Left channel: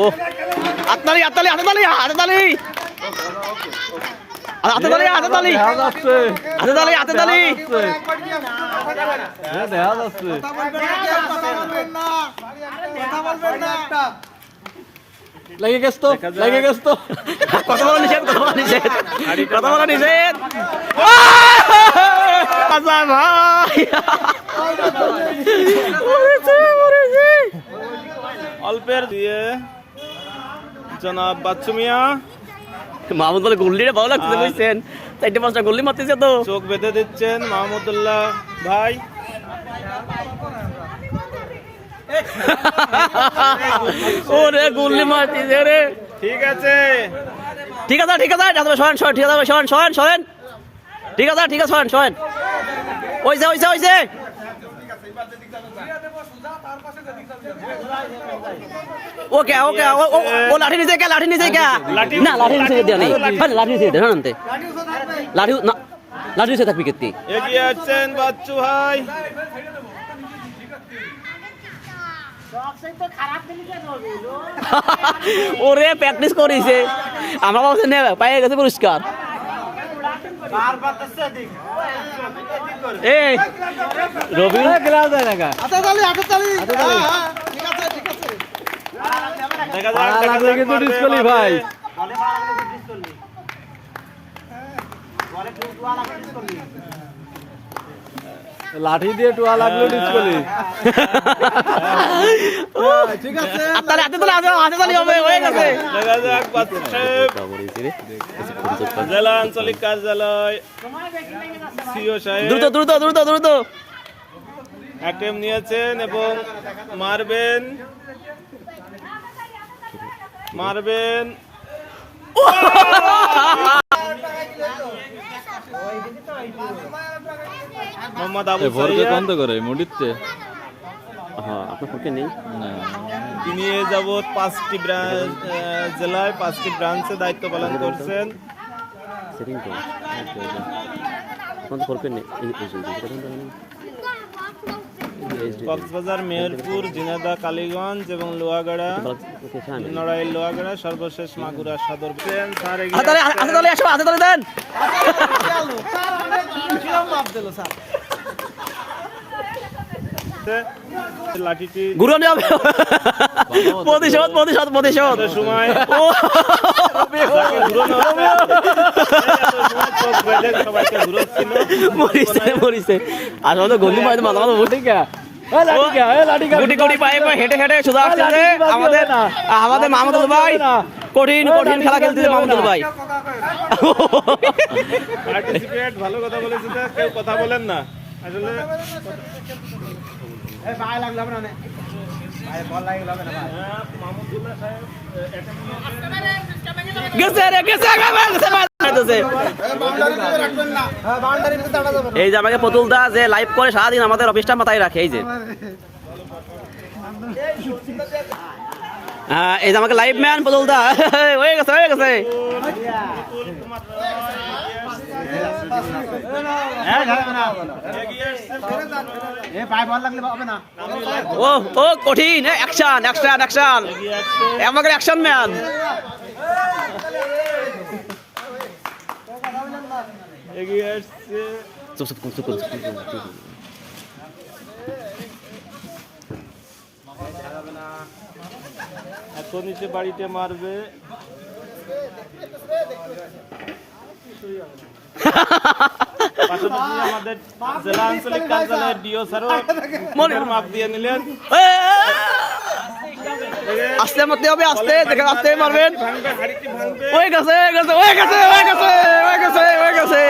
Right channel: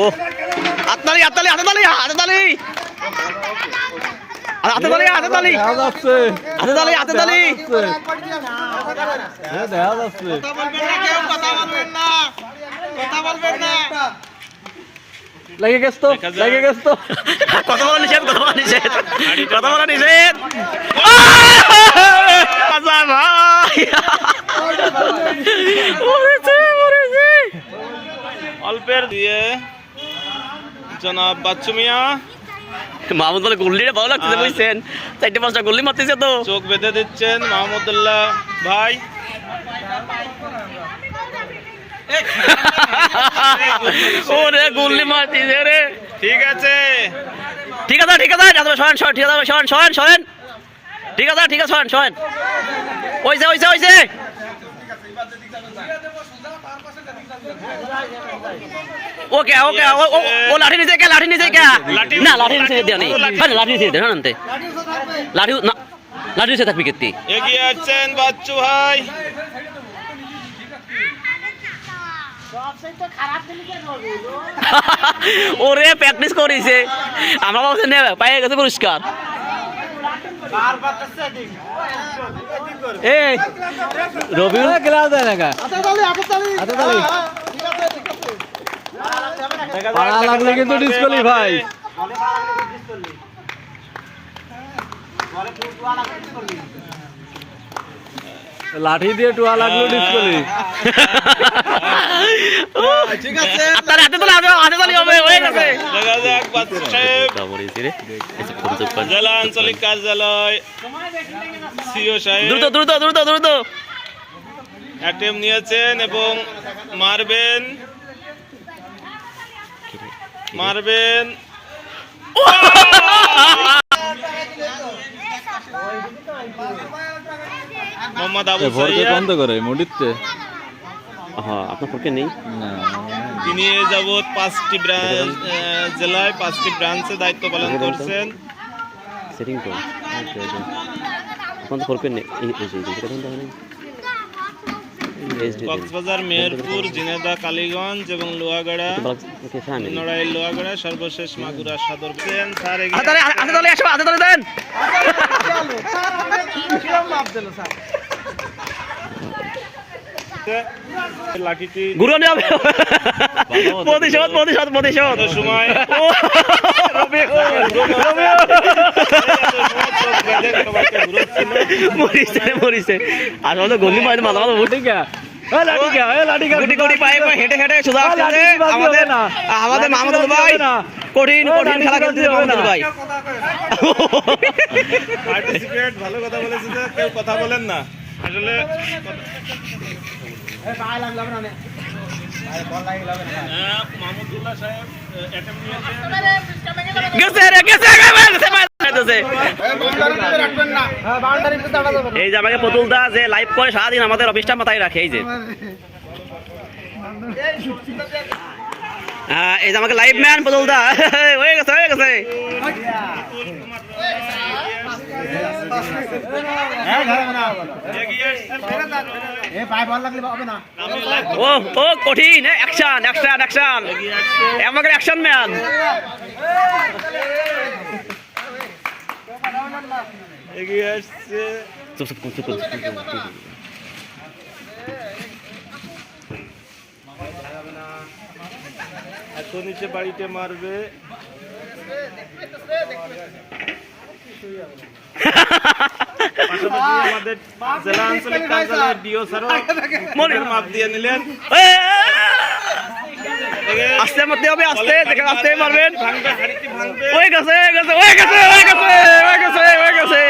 ও আততালি আততালি আততালি আততালি আততালি আততালি আততালি আততালি দেখা যাচ্ছে লাগে গেছ তো কথা বলা নিষেধ কথা বলা নিষেধ কথা বলা নিষেধ আচ্ছা ভাই অল্পের দিয়ে জনাব বাচ্চু মিয়া মাহমুদ বলে গুল্লিটা ভালো লাগছে বুঝছেন 4-5টা গুল্লি মারতেছে তো চোখ বেঁধে দিচ্ছেন মাহমুদুল্লাহ ভাই। ওরে গুল্লি মারতেছে রে। ঠিক আছে ঠিক আছে ঠিক আছে সরেন সরেন ঠিক আছে সরেন সরেন সরেন ঠিক আছে ঠিক আছে সরেন সরেন ওইছে ওইছে ওইছে ওকে ওকে ও লাঠি নিচে কে লাঠি নিচে কে না লাঠি নিচে দেয়া নেই মানে লাঠি নিচে দেয়া না লাঠি না লাঠি নিচে থাকবি কেতি এগিয়ে আসছেন বাচ্চু ভাই। ওরে প্র্যাকটিস করিছে আমরা ভাবছি নেবে পাইয়ে গেছে পুরস্কার এই রবি গেলাও দেয় না লাগলে কিন্তু ডিসকলি ভাই লাঠি দিয়ে টুয়া লাগলো ডিসকলি ঠিক আছে আপনার হাতে তোলা হাতে তোলা হবে হয়ে গেছে দেখা যাক বাচ্চু সাহেব জেলা আঞ্চলিক কার্যালয় সিও সাহেব দ্রুত দ্রুত দ্রুত দ্রুত অ্যাটেম্প নিয়েছেন এবং মারবেন মারবেন মোহাম্মদ আবু সাইদ বন্ধ করে মুডিতে হ্যাঁ আপনার পক্ষে নেই তিনি এ যাবৎ 5টি জেলায় 5টি ব্রাঞ্চে দায়িত্ব পালন করছেন। সেটিং তো আপনার পক্ষে নেই এই কক্সবাজার মেহেরপুর ঝিনাইদহ কালীগঞ্জ এবং লোহাগাড়া নড়াইল লোহাগাড়া সর্বশেষ মাগুরা সদর হাতে তোলে আসো হাতে তোলে দেন লাঠিটি ঘুরে যাবে প্রতিশোধ প্রতিশোধ প্রতিশোধ সময় মরিছে মরিছে আর হলো গলি মাঝে মাথা মাথা উঠে গুটি গুটি পায়ে পায়ে হেঁটে হেঁটে সোজা আসছে আমাদের আমাদের মাহমুদুল ভাই কঠিন কঠিন খেলা খেলতেছে মাহমুদুল ভাই পার্টিসিপেট ভালো কথা বলেছেন কেউ কথা বলেন না আসলে মাহমুদুল্লাহ সাহেব গেছে রে গেছে এই যে আমাকে পতুলদা যে লাইভ করে সারাদিন আমাদের অফিসটা মাথায় রাখে এই যে এই যে আমাকে লাইভ ম্যান পতুলদা হয়ে গেছে হয়ে গেছে ও ও কঠিন অ্যাকশন অ্যাকশন অ্যাকশন আমাকে অ্যাকশন ম্যান এগিয়ে আসছে চুপ চুপ চুপ চুপ এখন নিচে বাড়িতে মারবে আমাদের জেলা আঞ্চলিক কার্যালয়ের ডিও স্যার মাপ দিয়ে নিলেন আস্তে মারতে হবে আস্তে দেখে আস্তে মারবেন হয়ে গেছে হয়ে গেছে হয়ে গেছে হয়ে গেছে হয়ে গেছে হয়ে গেছে